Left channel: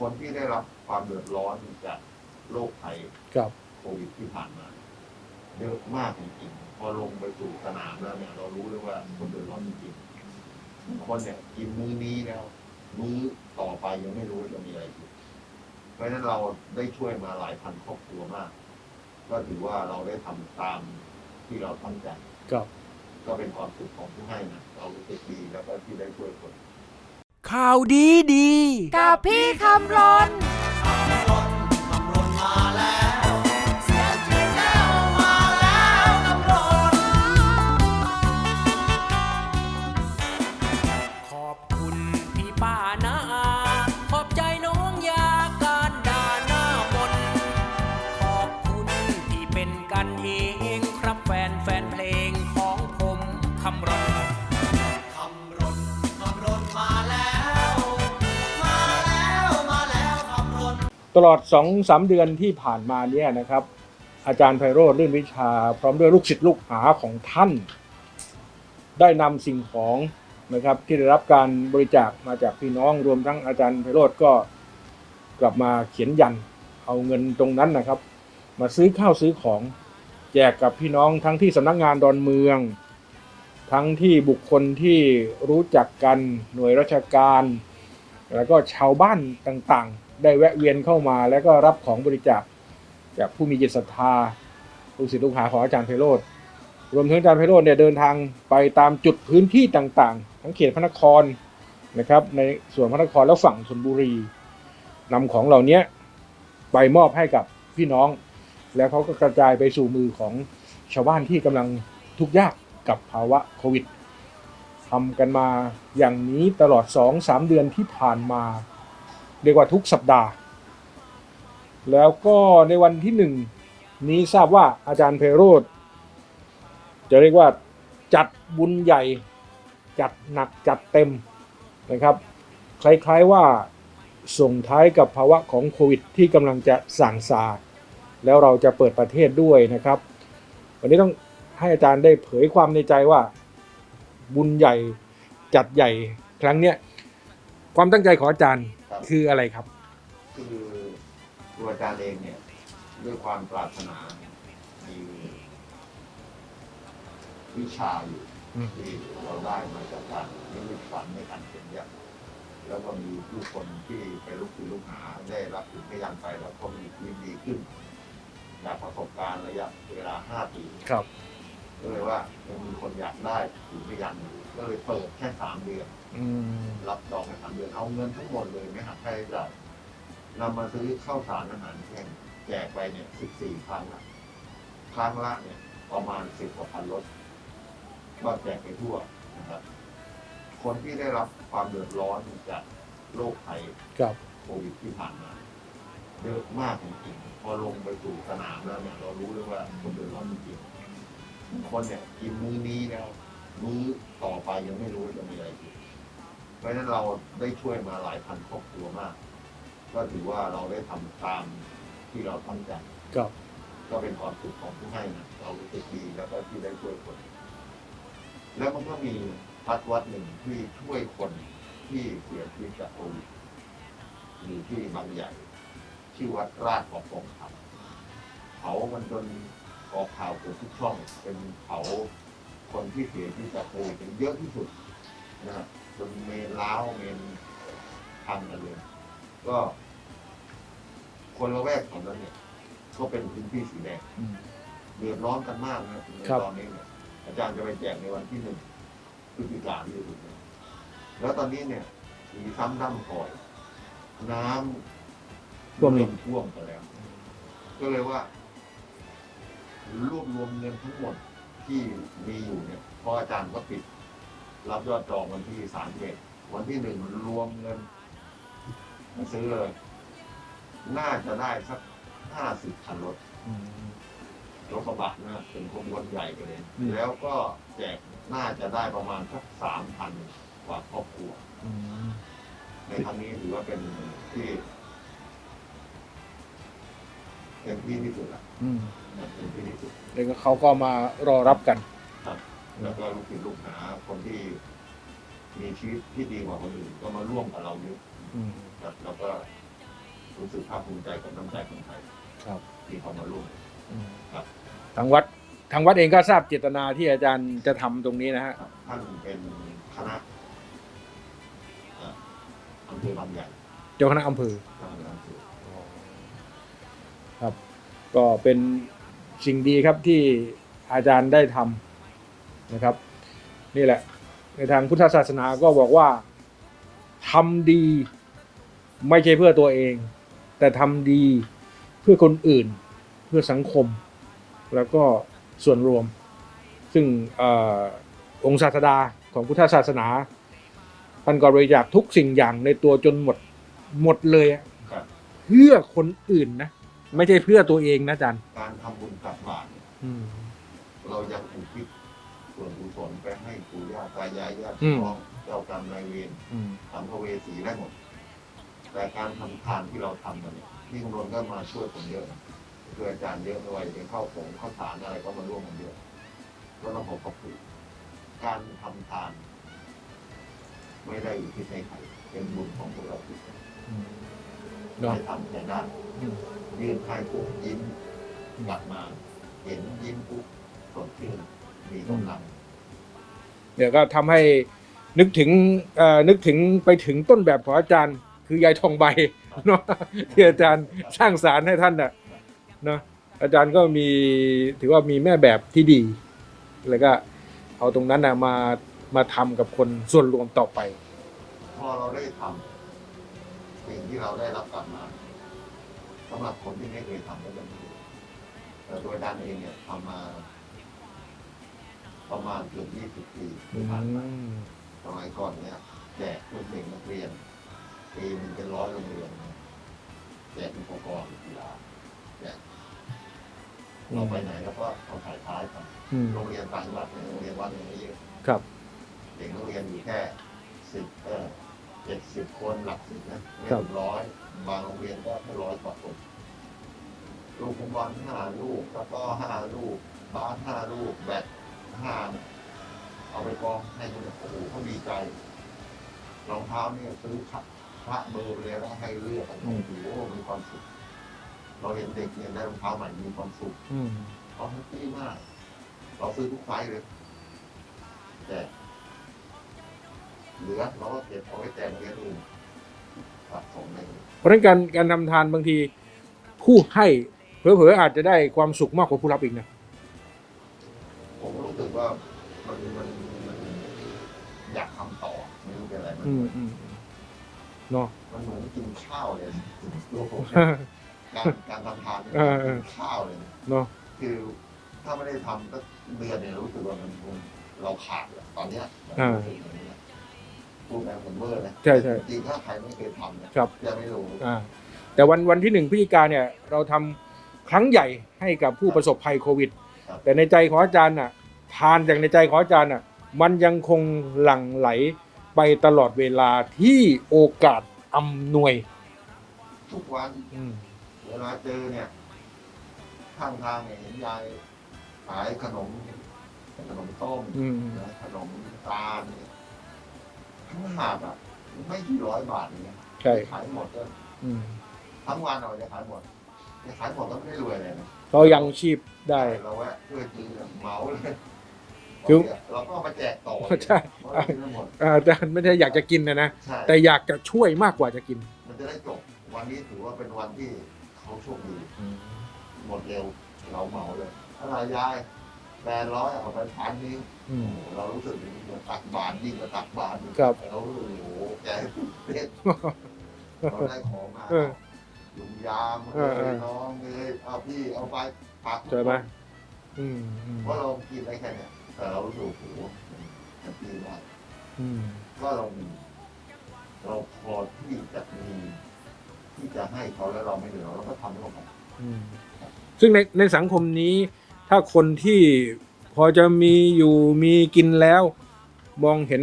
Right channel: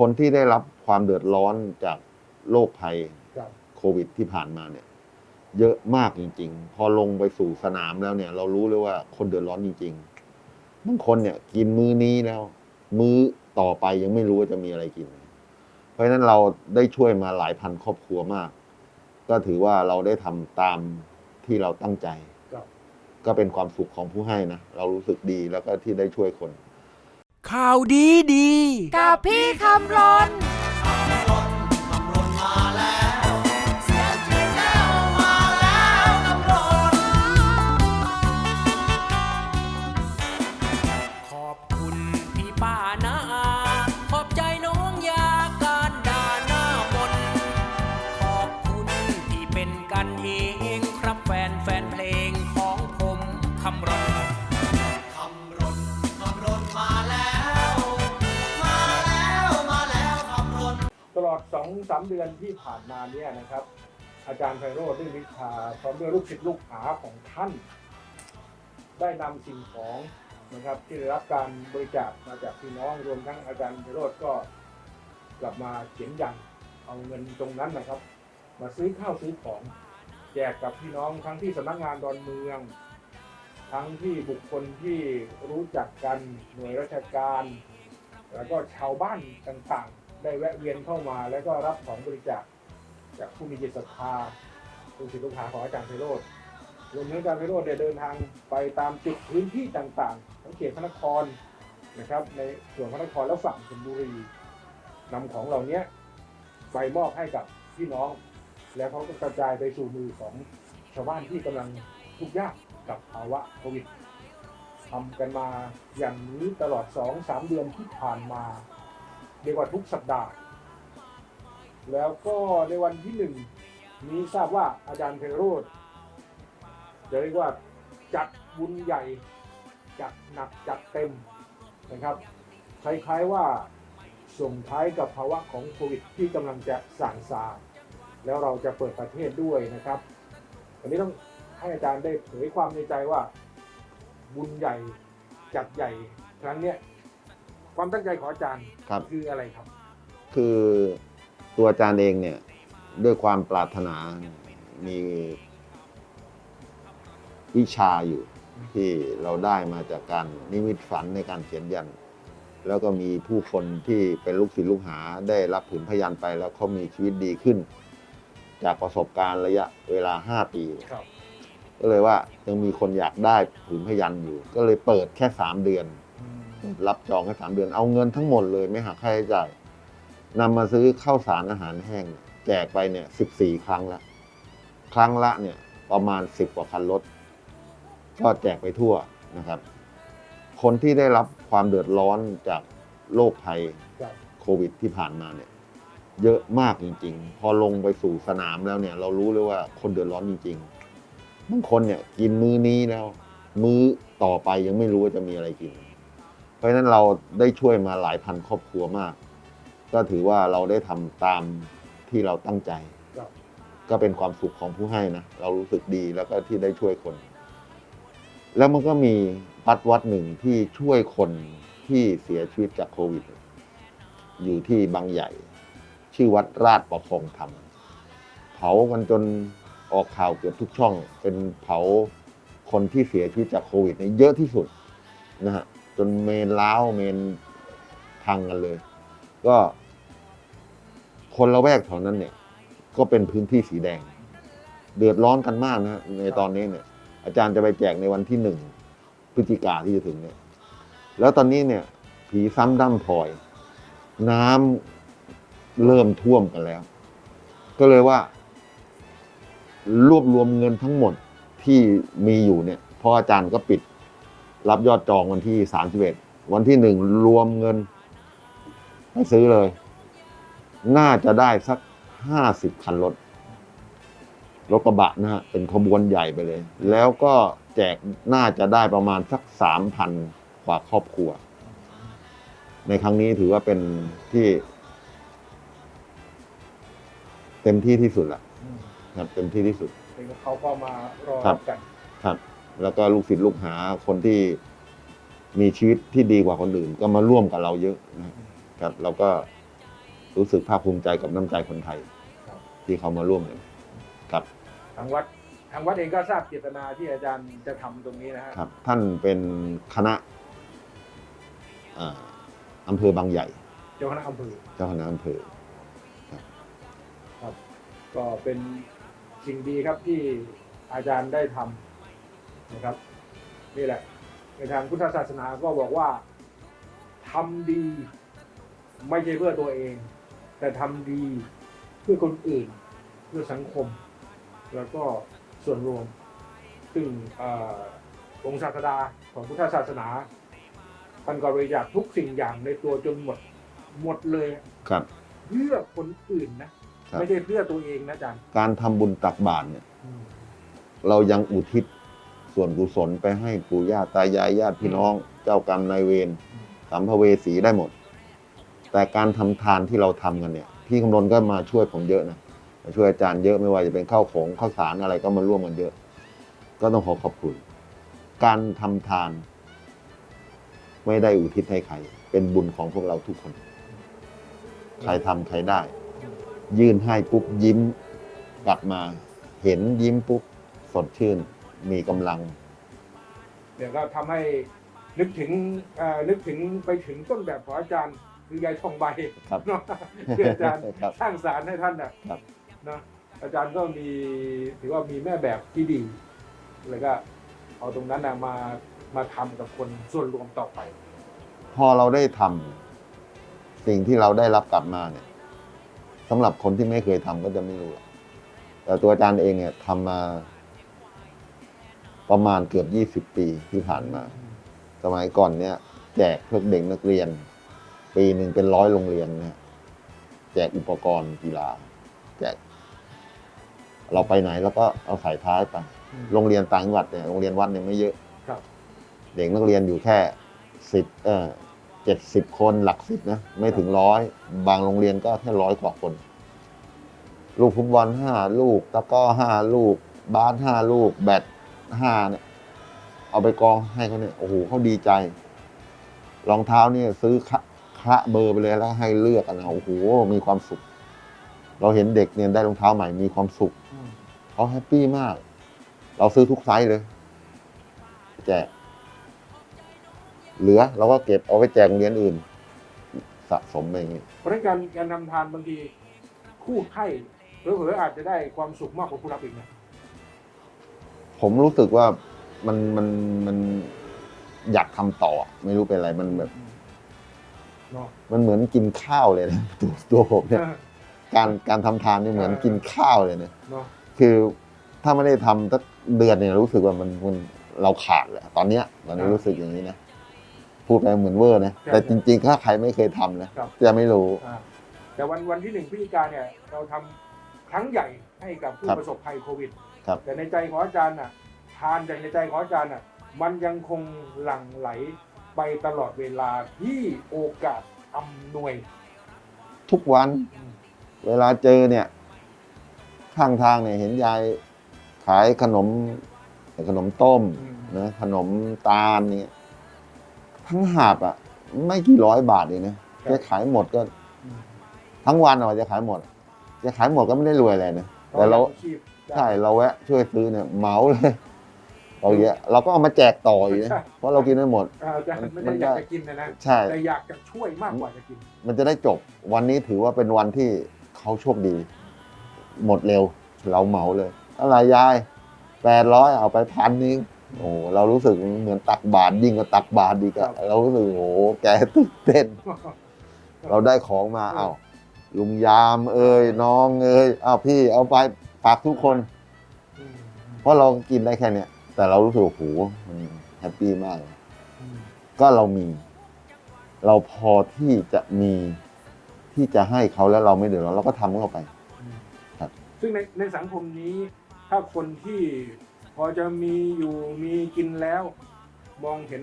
คนที่ได้รับความเดือดร้อนจากโรคภัยครับ โควิดที่ผ่านมาเนี่ย เยอะมากจริง ๆ พอลงไปสู่สนามแล้วเนี่ย เรารู้เลยว่าคนเดือดร้อนจริงๆบางคนเนี่ย กินมื้อนี้แล้ว มื้อต่อไปยังไม่รู้ว่าจะมีอะไรกิน เพราะฉะนั้นเราได้ช่วยมาหลายพันครอบครัวมาก ก็ถือว่าเราได้ทำตามที่เราตั้งใจ ครับ ก็เป็นความสุขของผู้ให้นะ เรารู้สึกดีแล้วก็ที่ได้ช่วยคน ข่าวดีดี กับพี่คำรน ลอด2อสเดือนที่ผ่านมาเนี่ยนะครับ อาจารย์ไพโรธลื่นวิชา พร้อมด้วยลูกศิษย์ลูกหาของท่าน ได้นำสิ่งของนะครับที่ได้รับการบริจาคมาจากพี่น้องรวมทั้งอาจารย์ไพโรธก็กลับมาเขียนยันเอาเงินตรงนั้นนะครับ มาซื้อข้าวซื้อของแจกกับพี่น้องทั้งที่สำนักงานดอนเมือง ทั้งที่บุคคลที่รู้จักกันหน่วยราชการ แล้วก็ชาวบ้านต่างๆ ได้แวะเวียนเข้ามา แล้วก็รับของบริจาคจากผู้มีจิตศรัทธาลูกศิษย์ลูกหาของอาจารย์ไพโรธรวมถึงอาจารย์ไพโรธเนี่ยเดินทางไปตามจุดพื้นที่ต่างๆ ทั้งเขตพระนครนะครับในส่วนพระนครและฝั่งชลบุรีนำของเหล่านี้ไปมอบให้กับพี่น้อง แล้วเขาก็กระจายไปสู่มือของชาวบ้านที่กำลังทุกข์ยากกับภาวะโควิดทำกันมาอย่างนี้ตลอด 2-3 เดือนที่ผ่านมา เรียกว่าทุกสัปดาห์ แล้วก็ในวันที่หนึ่งนี้ทราบว่าอาจารย์เพโรธจะเรียกว่าจัดบุญใหญ่ จัดหนักจัดเต็มนะครับ คล้ายๆว่าส่งท้ายกับภาวะของโควิดที่กำลังจะสั่งซาแล้วเราจะเปิดประเทศด้วยนะครับ วันนี้ต้องให้อาจารย์ได้เผยความในใจว่า บุญใหญ่จัดใหญ่ครั้งเนี้ย ความตั้งใจของอาจารย์ครับ คืออะไรครับ คือตัวอาจารย์เองเนี่ย ด้วยความปรารถนามีวิชาอยู่ อืม ที่เราได้มาจากการนิมิตฝันในการเขียนยันแล้วก็มีผู้คนที่เป็นลูกศิษย์ลูกหาได้รับผลพยานไปแล้วเขามีชีวิตดีขึ้น จากประสบการณ์ระยะเวลา 5 ปี ครับ ก็เลยว่ายังมีคนอยากได้ผลพยานอยู่ ก็เลยเปิดแค่ 3 เดือนอืม รับจองแค่สามเดือน เอาเงินทั้งหมดเลยไม่หักค่าใช้จ่ายนำมาซื้อข้าวสารอาหารแห้งแจกไปเนี่ยสิบสี่ครั้งละ ครั้งละเนี่ย ประมาณสิบกว่าพันรถก็แจกไปทั่วนะครับ คนที่ได้รับความเดือดร้อนจากโรคภัยครับโควิดที่ผ่านมาเนี่ย เยอะมากจริง ๆ พอลงไปสู่สนามแล้วเนี่ย เรารู้เลยว่าคนเดือดร้อนจริงๆบางคนเนี่ย กินมื้อนี้แล้ว มื้อต่อไปยังไม่รู้ว่าจะมีอะไรกิน เพราะฉะนั้นเราได้ช่วยมาหลายพันครอบครัวมาก ก็ถือว่าเราได้ทำตามที่เราตั้งใจ ครับ ก็เป็นความสุขของผู้ให้นะ เรารู้สึกดีแล้วก็ที่ได้ช่วยคน แล้วมันก็มีวัดวัดหนึ่งที่ช่วยคนที่เสียชีวิตจากโควิด อยู่ที่บางใหญ่ ชื่อวัดราชประพงธรรมเผากันจนออกข่าวเกือบทุกช่อง เป็นเผาคนที่เสียชีวิตจากโควิดเนี่ยเยอะที่สุดนะฮะจ นเมนล้าวเมนพังกันเลย ก็ คนละแวกแถวนั้นเนี่ย ก็เป็นพื้นที่สีแดงอืมเดือดร้อนกันมากนะฮะในครับตอนนี้เนี่ย อาจารย์จะไปแจกในวันที่หนึ่งพฤศจิกาที่จะถึงเนี่ย แล้วตอนนี้เนี่ยผีซ้ำด้ำพลอย น้ำเริ่มท่วมกันแล้ว ก็เลยว่า รวบรวมเงินทั้งหมดที่มีอยู่เนี่ยเพราะอาจารย์ก็ปิด รับยอดจองวันที่สามสิบเอ็ดวันที่หนึ่งรวมเงินให้ซื้อเลย น่าจะได้สักห้าสิบคันรถอืมรถกระบะนะฮะเป็นขบวนใหญ่ไปเลย แล้วก็แจกน่าจะได้ประมาณสักสามพันกว่าครอบครัวอืมในครั้งนี้ถือว่าเป็นที่ เต็มที่ที่สุดละอืมครับเต็มที่ที่สุดแล้วก็เขาก็มารอรับกันครับ แล้วก็ลูกศิษย์ลูกหาคนที่มีชีวิตที่ดีกว่าคนอื่น ก็มาร่วมกับเราเยอะนะอืมครับเราก็รู้สึกภาคภูมิใจกับน้ำใจคนไทยครับ ที่เขามาร่วมกันครับ ทางวัดทางวัดเองก็ทราบเจตนาที่อาจารย์จะทำตรงนี้นะฮะครับ ท่านเป็นคณะอ่าอำเภอบางใหญ่เจ้าคณะอำเภอ เจ้าคณะอำเภอครับก็เป็นสิ่งดีครับที่อาจารย์ได้ทำ นะครับ นี่แหละ ในทางพุทธศาสนาก็บอกว่าทำดีไม่ใช่เพื่อตัวเอง แต่ทำดีเพื่อคนอื่น เพื่อสังคม แล้วก็ส่วนรวม ซึ่งเออองค์ศาสดาของพุทธศาสนาท่านก็บริจาคทุกสิ่งอย่างในตัวจนหมดหมดเลยอะครับ เพื่อคนอื่นนะครับไม่ใช่เพื่อตัวเองนะอาจารย์ การทำบุญตักบาตรเนี่ยเรายังอุทิศ ส่วนกุศลไปให้ปู่ย่าตายายญาติพี่อืมน้องเจ้ากรรมนายเวรสัมภเวสีได้หมด แต่การทำทานที่เราทำกันเนี่ย พี่คำนนก็มาช่วยผมเยอะนะมาช่วยอาจารย์เยอะไม่ว่าจะเป็นข้าวของข้าวสารอะไรก็มาร่วมกันเยอะ ก็ต้องขอขอบคุณการทำทาน ไม่ได้อุทิศให้ใคร เป็นบุญของพวกเราทุกคนใครทำใครได้ ยื่นให้ปุ๊บยิ้มกลับมา เห็นยิ้มปุ๊บสดชื่น มีกำลัง เดี๋ยวก็ทำให้นึกถึงเอ่อนึกถึงไปถึงต้นแบบของอาจารย์ คือยายทองใบครับเนาะที่อาจารย์ครับสร้างสารให้ท่านน่ะครับ เนาะอาจารย์ก็มีถือว่ามีแม่แบบที่ดี แล้วก็เอาตรงนั้นนะมามาทำกับคนส่วนรวมต่อไป พอเราได้ทำสิ่งที่เราได้รับกลับมาเนี่ยสำหรับคนที่ไม่เคยทำก็จะไม่รู้แต่ตัวอาจารย์เองเนี่ยทำมา ประมาณเกือบยี่สิบปีที่ผ่านมา สมัยก่อนเนี่ยแจกเพื่อเด็กนักเรียน ปีหนึ่งเป็นร้อยโรงเรียนเนี่ยแจกอุปกรณ์กีฬาแจกเราไปไหนแล้วก็เอาขายท้ายไปอืมโรงเรียนต่างจังหวัดเนี่ยโรงเรียนวัดเนี่ยไม่เยอะครับ เด็กนักเรียนอยู่แค่สิบเออเจ็ดสิบคนหลักสิบนะ ไม่ถึงร้อยบางโรงเรียนก็แค่ร้อยกว่าคน ลูกฟุตบอลห้าลูกตะกร้อห้าลูกบาสห้าลูกแบด ห้าเนี่ยเอาไปกองให้เขาเนี่ยโอ้โหเขาดีใจรองเท้านี่ซื้อคะคะเบอร์ไปเลยแล้วให้เลือกกันนะโอ้โหมีความสุข เราเห็นเด็กเนี่ยได้รองเท้าใหม่มีความสุขอืมเขาแฮปปี้มาก เราซื้อทุกไซส์เลย แจกเหลือเราก็เก็บเอาไปแจกโรงเรียนอื่น สะสมไปอย่างนี้เพราะฉะนั้นการการทำทานบางที ผู้ให้เผลอๆอาจจะได้ความสุขมากกว่าผู้รับอีกนะ ผมรู้สึกว่ามันมันมันอยากทำต่อ ไม่รู้เป็นอะไรมันแบบอืมเนาะ มันเหมือนกินข้าวเลยนะตัวตัวผมเนี่ยการการทำทานนี่เหมือนเออกินข้าวเลยนะเนาะ คือถ้าไม่ได้ทำสักเดือนเนี่ยรู้สึกว่ามันมันเราขาดเลยตอนเนี้ยมันรู้สึกอย่างนี้นะพูดไปเหมือนเวอร์นะแต่จริงๆถ้าใครไม่เคยทำนะครับ จะไม่รู้ อ่าแต่วันวันที่หนึ่งพฤศจิกาเนี่ยเราทำครั้งใหญ่ให้กับผู้ครับ ประสบภัยโควิด ครับ แต่ในใจของอาจารย์น่ะทานจากในใจของอาจารย์น่ะมันยังคงหลั่งไหลไปตลอดเวลาที่โอกาสอำนวยทุกวันอืมเวลาเจอเนี่ย ข้างทางเนี่ยเห็นยายขายขนมขนมต้มอืมนะขนมตาลเนี่ยทั้งหาบอะ ไม่กี่ร้อยบาทเลยนะใช่จะขายหมดก็อืมทั้งวันอะจะขายหมด จะขายหมดก็ไม่ได้รวยอะไรนะ ก็ยังชีพได้ ใช่เราแวะช่วยซื้อเนี่ยเหมาเลยเอาคือเยอะเราก็เอามาแจกต่ออีกใช่นะเพราะเรากินไม่หมดเอ่ออาจารย์ไม่ได้อยากจะกินนะนะ ใช่ แต่อยากจะช่วยมากกว่าจะกิน มันจะได้จบ วันนี้ถือว่าเป็นวันที่เขาโชคดี หมดเร็ว เราเหมาเลย อะไรยายแปดร้อยเอาไปพันนึงอืมโอ้เรารู้สึกเหมือนตักบาตรยิ่งกว่าตักบาตรดีกครัว่าบเรารู้สึกโอ้โหแกตื่นเต้น เราได้ของมาเออ เอ้า ลุงยามเอ้ยเออน้องเอ้ยอ้าวพี่เอาไปฝากทุกคน อืมอืมเพราะเรากินได้แค่เนี้ยแต่เรารู้สึกโอ้โหมันแฮปปี้มาก อืมก็เรามี เราพอที่จะมีที่จะให้เขาแล้วเราไม่เดือดร้อนเราก็ทำเข้าไป อืมครับ ซึ่งในในสังคมนี้ ถ้าคนที่พอจะมีอยู่มีกินแล้ว มองเห็น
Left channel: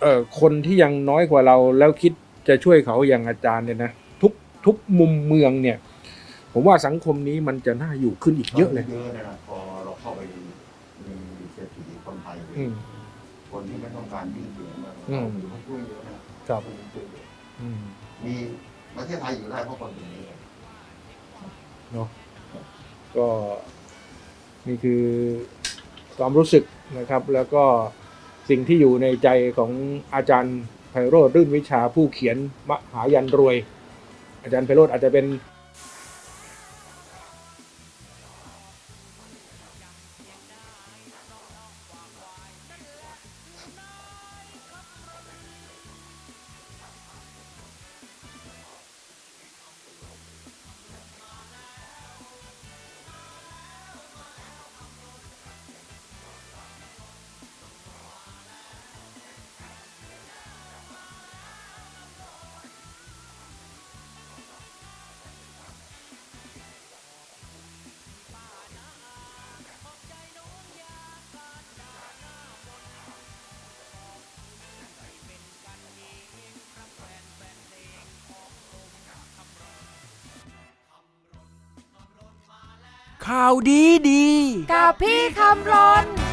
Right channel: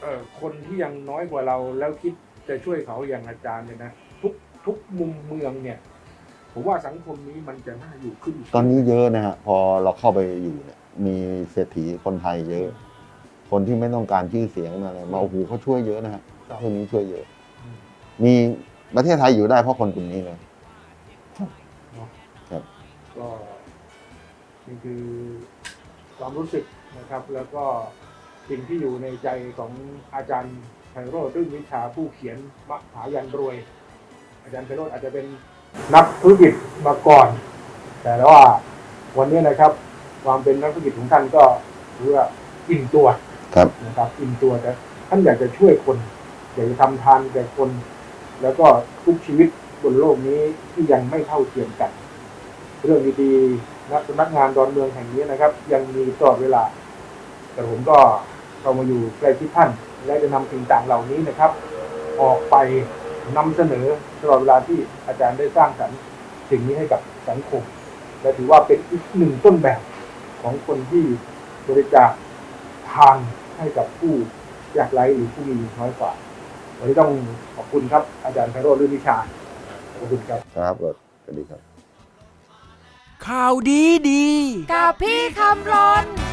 เอ่อคนที่ยังน้อยกว่าเราแล้วคิดจะช่วยเขาอย่างอาจารย์เนี่ยนะ ทุกทุกมุมเมืองเนี่ย ผมว่าสังคมนี้มันจะน่าอยู่ขึ้นอีกตอนเยอะเลนี้ย เยอะนะฮะพอเราเข้าไปอยู่เนี่ยมีเศรษฐีคนไทยเยอะ คนที่ไม่ต้องการชื่อเสียงอะไรอืมมาโอ้โหเขาช่วยเยอะนะฮะครับคนนี้ช่วยเยอะ อืมมีประเทศไทยอยู่ได้เพราะคนกลุ่มนี้เลยเนาะครับก็นี่คือความรู้สึกนะครับ แล้วก็สิ่งที่อยู่ในใจของอาจารย์ไพโรธรื่นวิชาผู้เขียนมหายันรวย อาจารย์ไพโรธอาจจะเป็นนักธุรกิจมาก่อน แต่ว่าวันนี้นะครับ ความเป็นนักธุรกิจของท่านก็ถือว่าอิ่มตัวครับนะครับอิ่มตัวแต่ท่านอยากจะช่วยคน อยากจะทำทานแก่คน แล้วก็ทุกชีวิตบนโลกนี้ที่ยังไม่เท่าเทียมกัน เรื่องดีๆนักสำนักงานดอนเมืองแห่งนี้นะครับ ยังมีตลอดเวลา แต่ผมก็เรามาอยู่ใกล้ชิดท่าน และจะนำสิ่งต่างเหล่านี้นะครับ ออกไป นำเสนอตลอดเวลาที่อาจารย์ได้สร้างสรรค์สิ่งนี้ให้กับสังคม และถือว่าเป็นอีกหนึ่งต้นแบบของคนที่บริจาคทานให้กับผู้ยากไร้หรือผู้มีน้อยกว่า วันนี้ต้องขอบคุณครับ อาจารย์ไพโรจน์ลื่นวิชา ขอบคุณครับ ครับสวัสดีครับ ข่าวดีดี กับพี่คำรน